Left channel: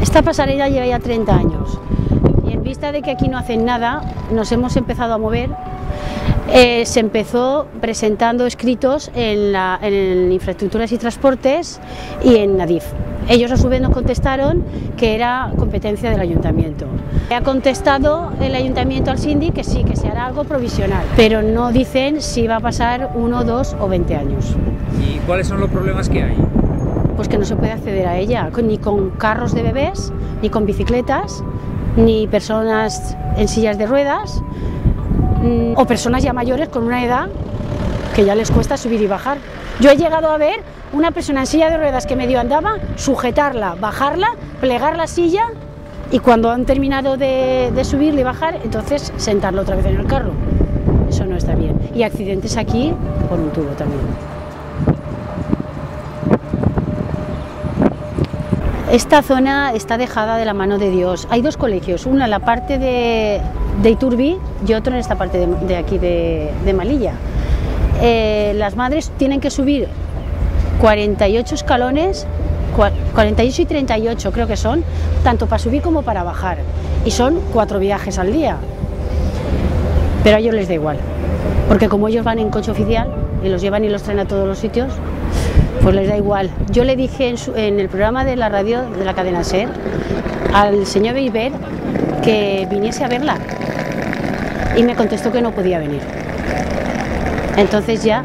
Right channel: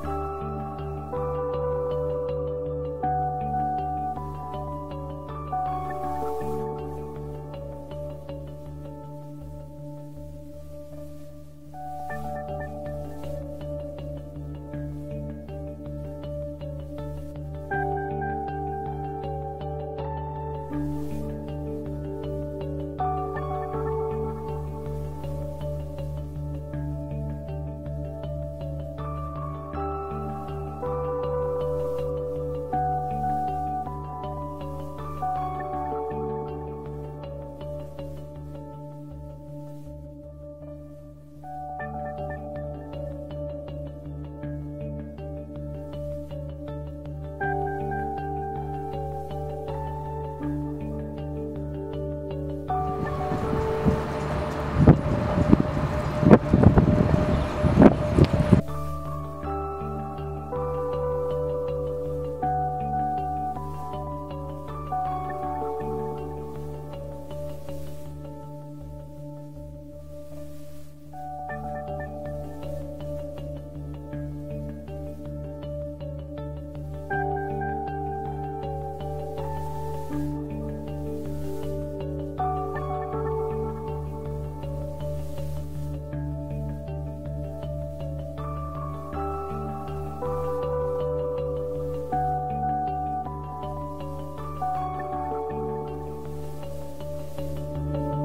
Esta pasarela lleva ya 30 años y en vista de que aquí no hacen nada, nos hemos empezado a mover. Se empezó presentando escritos en Infraestructuras y Transportes y en Adif. Ellos a su vez nos contestaron que era competencia del ayuntamiento. Ha contestado el ayuntamiento al síndic que sí, que se hará algo provisional, pero no dicen si va a pasar 1, 2 o 20 años. ¿Y cuáles son los problemas que hay? Pues que no se puede acceder a ella, ni con carros de bebés, ni con bicicletas, ni personas en sillas de ruedas, o personas ya mayores con una edad que ya les cuesta subir y bajar. Yo he llegado a ver una persona en silla de ruedas que medio andaba, sujetarla, bajarla, plegar la silla y cuando han terminado de subirla y bajar, entonces sentarla otra vez en el carro. Eso no está bien. Y accidentes aquí por un tubo también. Esta zona está dejada de la mano de Dios. Hay dos colegios, uno en la parte de Iturbi y otro en esta parte de aquí de Melilla. Las madres tienen que subir 48 escalones, 48 y 38 creo que son, tanto para subir como para bajar. Y son 4 viajes al día. Pero a ellos les da igual, porque como ellos van en coche oficial y los llevan y los traen a todos los sitios, pues les da igual. Yo le dije en el programa de la radio de la cadena SER al señor Beiber que viniese a verla y me contestó que no podía venir. Entonces ya